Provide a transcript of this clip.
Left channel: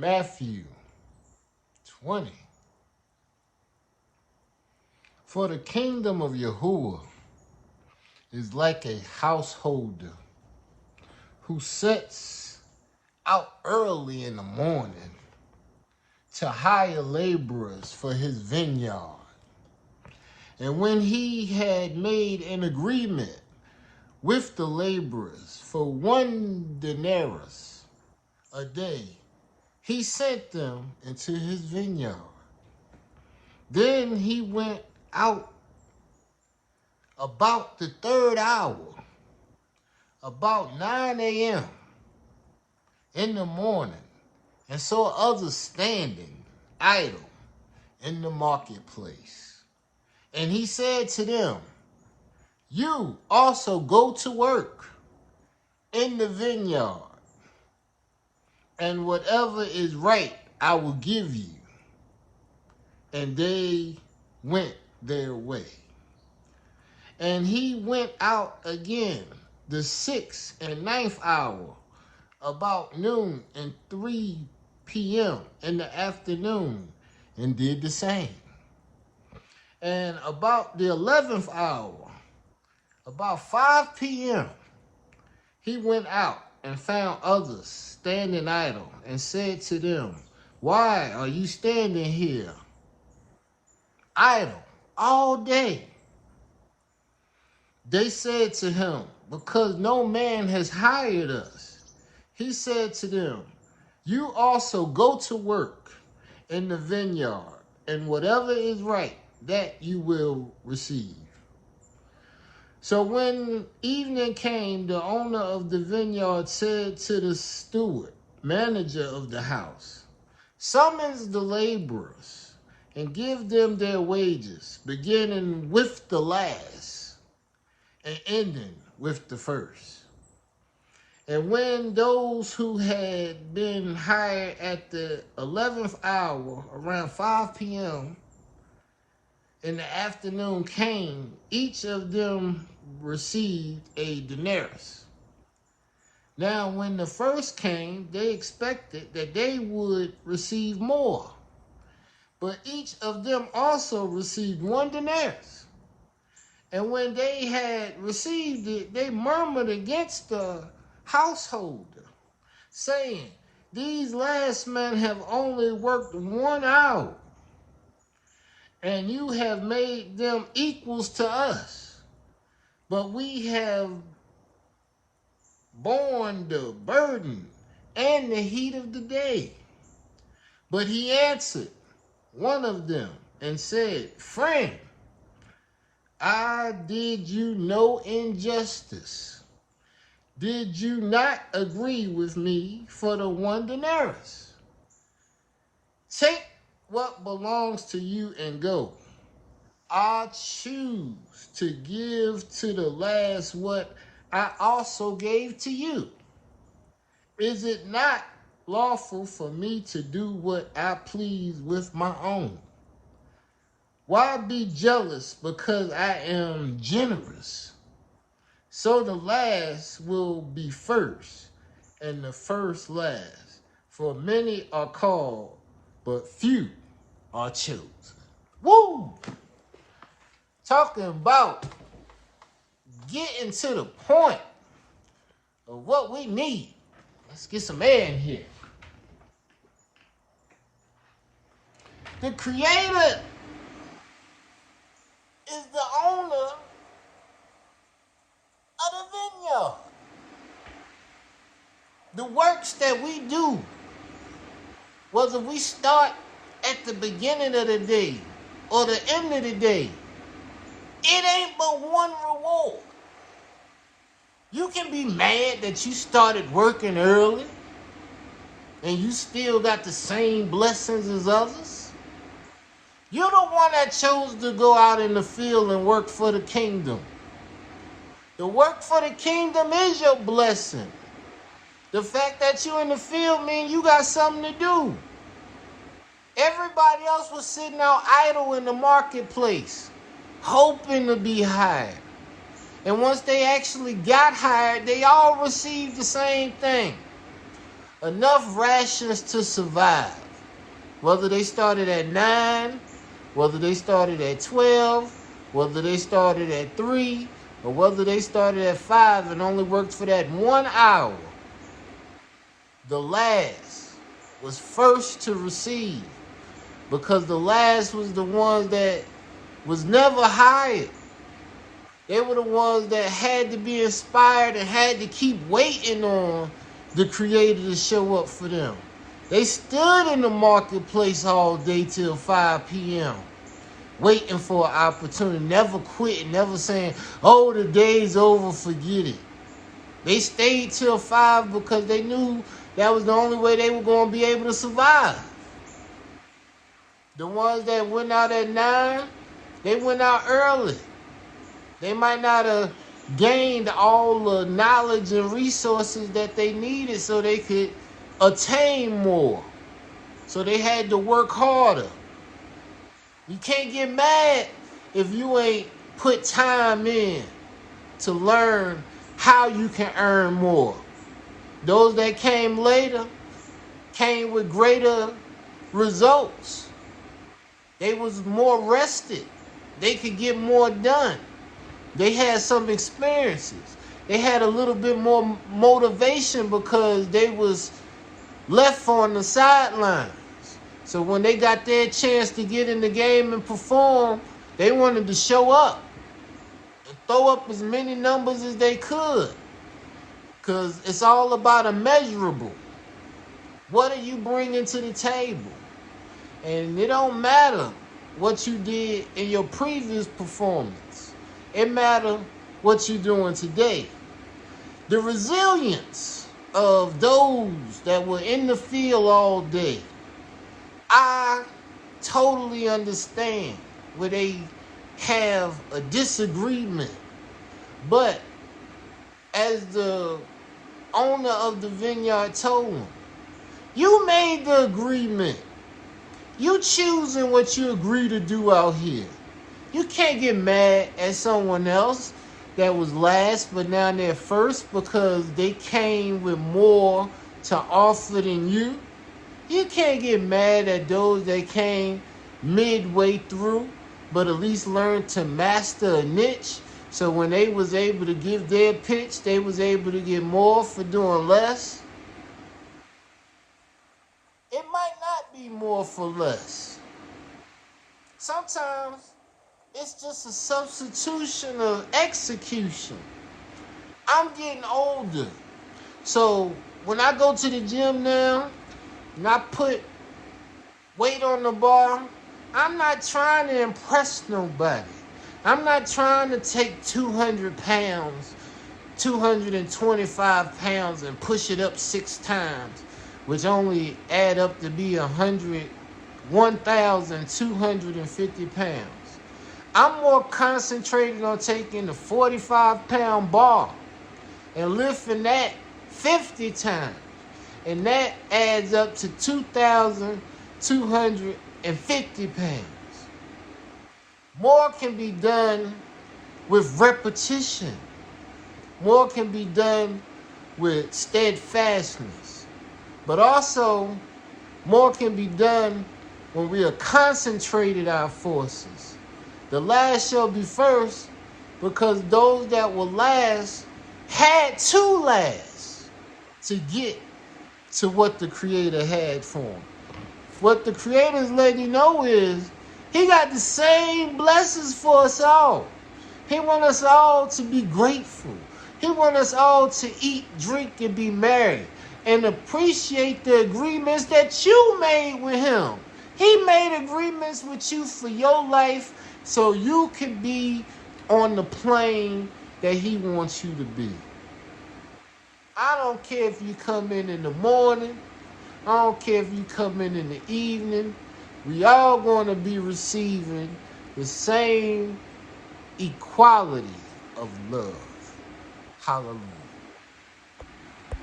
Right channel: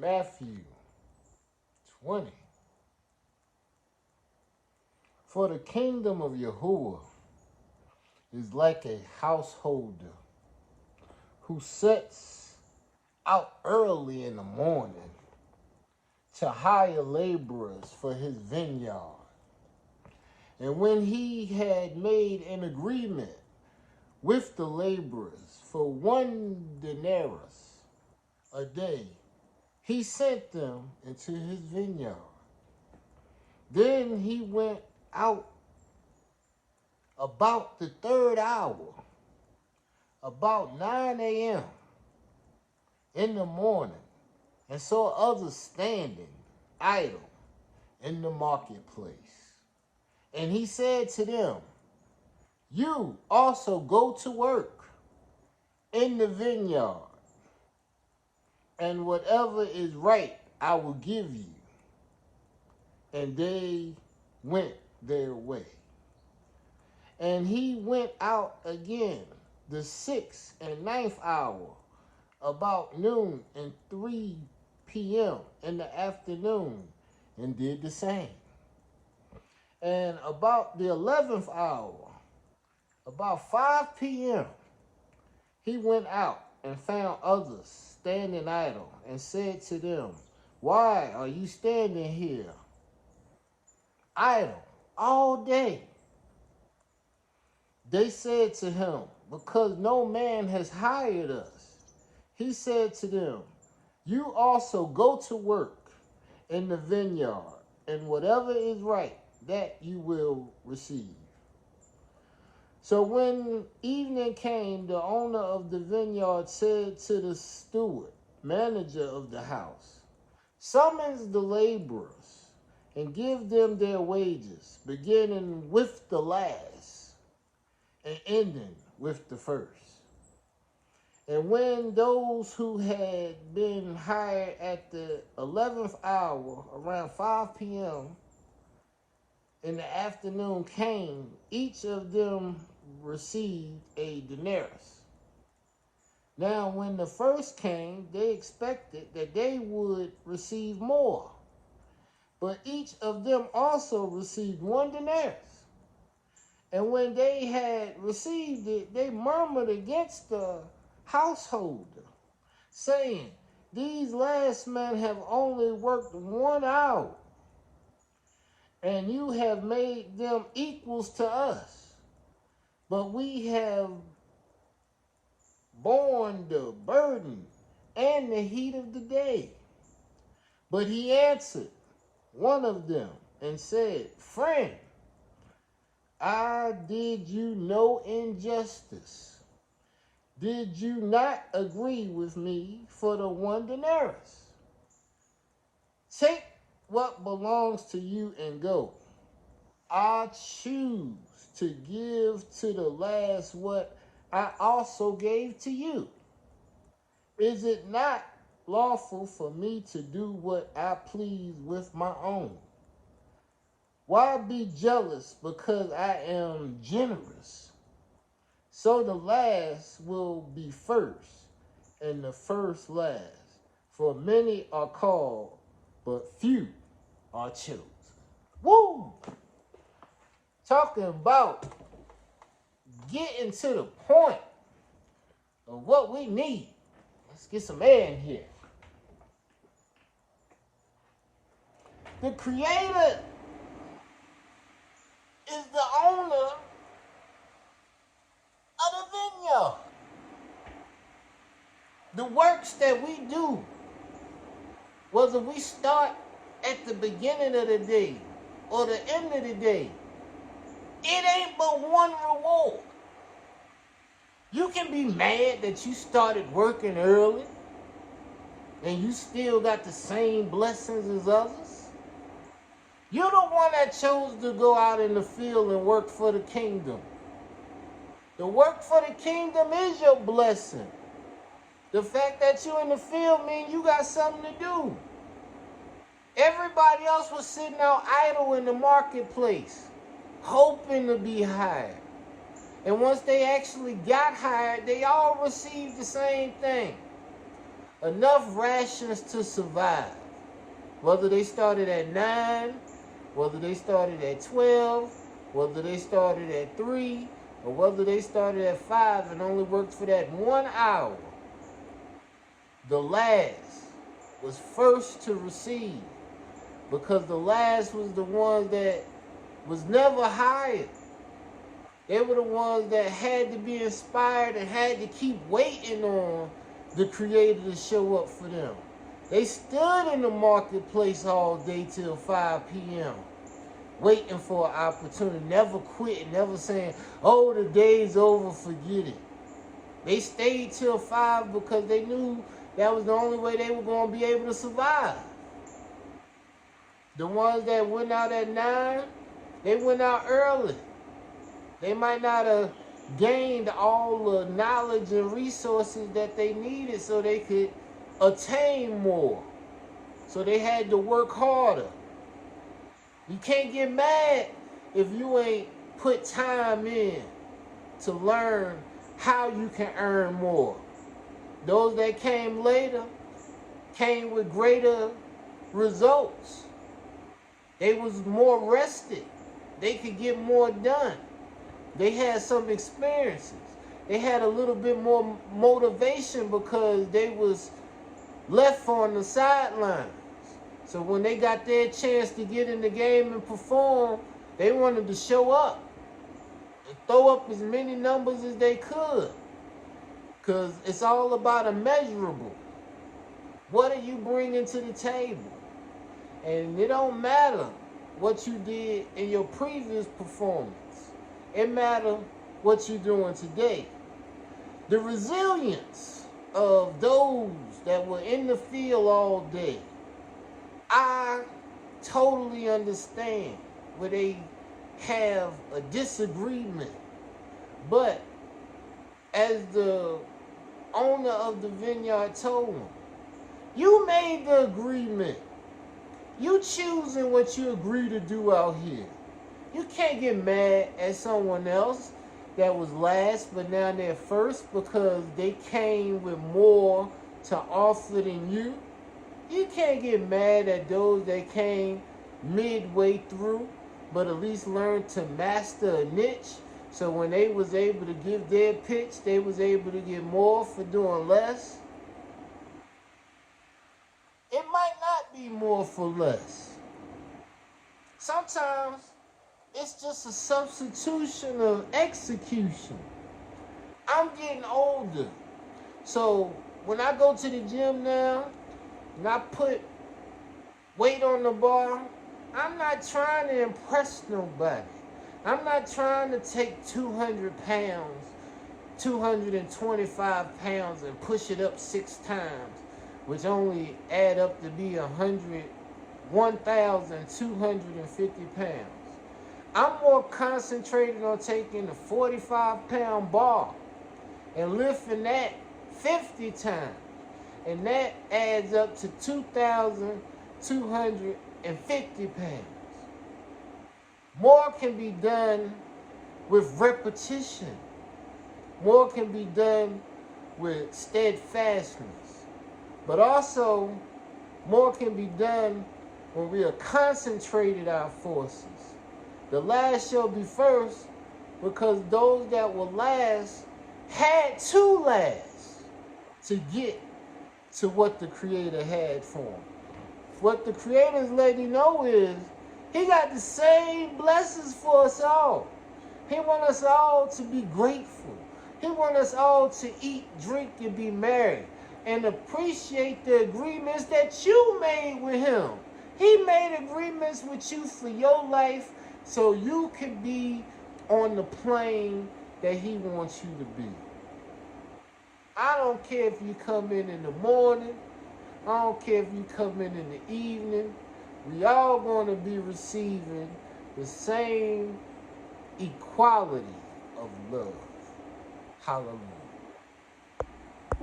Matthew 20. For the kingdom of Yahuwah is like a householder who sets out early in the morning to hire laborers for his vineyard. And when he had made an agreement with the laborers for 1 denarius a day, he sent them into his vineyard. Then he went out about the 3rd hour, about 9 a.m. in the morning, and saw others standing idle in the marketplace. And he said to them, "You also go to work in the vineyard, and whatever is right I will give you." And they went their way. And he went out again the 6th and 9th hour, about noon and 3 p.m. in the afternoon, and did the same. And about the 11th hour, about 5 p.m., he went out and found others standing idle, and said to them, "Why are you standing here idle all day?" They said to him, "Because no man has hired us." He said to them, "You also go to work in the vineyard, and whatever is right, that you will receive." So when evening came, the owner of the vineyard said to the steward, manager of the house, "Summons the laborers and give them their wages, beginning with the last and ending with the first." And when those who had been hired at the 11th hour, around 5 p.m. in the afternoon came, each of them received a denarius. Now, when the first came, they expected that they would receive more. But each of them also received 1 denarius. And when they had received it, they murmured against the householder, saying, "These last men have only worked 1 hour, and you have made them equals to us. But we have borne the burden and the heat of the day." But he answered one of them and said, "Friend, I did you no injustice. Did you not agree with me for the 1 denarius? Take what belongs to you and go. I choose to give to the last what I also gave to you. Is it not lawful for me to do what I please with my own? Why be jealous because I am generous? So the last will be first, and the first last. For many are called, but few are chosen." Woo! Talking about getting to the point of what we need. Let's get some air in here. The Creator is the owner of the vineyard. The works that we do, whether we start at the beginning of the day or the end of the day, it ain't but one reward. You can be mad that you started working early and you still got the same blessings as others. You're the one that chose to go out in the field and work for the kingdom. The work for the kingdom is your blessing. The fact that you're in the field means you got something to do. Everybody else was sitting out idle in the marketplace, hoping to be hired. And once they actually got hired, they all received the same thing. enough rations to survive. Whether they started at 9, whether they started at 12, whether they started at 3, or whether they started at 5 and only worked for that 1 hour, the last was first to receive, because the last was the ones that was never hired. They were the ones that had to be inspired and had to keep waiting on the Creator to show up for them. They stood in the marketplace all day till 5 p.m. waiting for an opportunity, never quitting, never saying, oh, the day's over, forget it. They stayed till 5 because they knew that was the only way they were going to be able to survive. The ones that went out at 9, they went out early. They might not have gained all the knowledge and resources that they needed so they could attain more. So they had to work harder. You can't get mad if you ain't put time in to learn how you can earn more. Those that came later came with greater results. They was more rested. They could get more done. They had some experiences. They had a little bit more motivation because they was left on the sidelines. So when they got their chance to get in the game and perform, they wanted to show up and throw up as many numbers as they could. Because it's all about a measurable. What are you bringing to the table? And it don't matter what you did in your previous performance. It matters what you're doing today. The resilience of those that were in the field all day, I totally understand where they have a disagreement. But as the owner of the vineyard told them, you made the agreement. You choosing what you agree to do out here. You can't get mad at someone else that was last but now they're first because they came with more to offer than you. You can't get mad at those that came midway through but at least learned to master a niche. So when they was able to give their pitch, they was able to get more for doing less. It might not be more for less. Sometimes it's just a substitution of execution. I'm getting older. So when I go to the gym now and I put weight on the bar, I'm not trying to impress nobody. I'm not trying to take 200 pounds, 225 pounds and push it up 6 times, which only add up to be 1,250 pounds. I'm more concentrated on taking the 45-pound bar and lifting that 50 times. And that adds up to 2,250 pounds. More can be done with repetition. More can be done with steadfastness. But also, more can be done when we are concentrated our forces. The last shall be first, because those that will last had to last to get to what the Creator had for them. What the Creator's letting you know is He got the same blessings for us all. He wants us all to be grateful. He wants us all to eat, drink, and be merry and appreciate the agreements that you made with Him. He made agreements with you for your life so you can be on the plane that He wants you to be. I don't care if you come in the morning. I don't care if you come in the evening. We all going to be receiving the same equality of love. Hallelujah.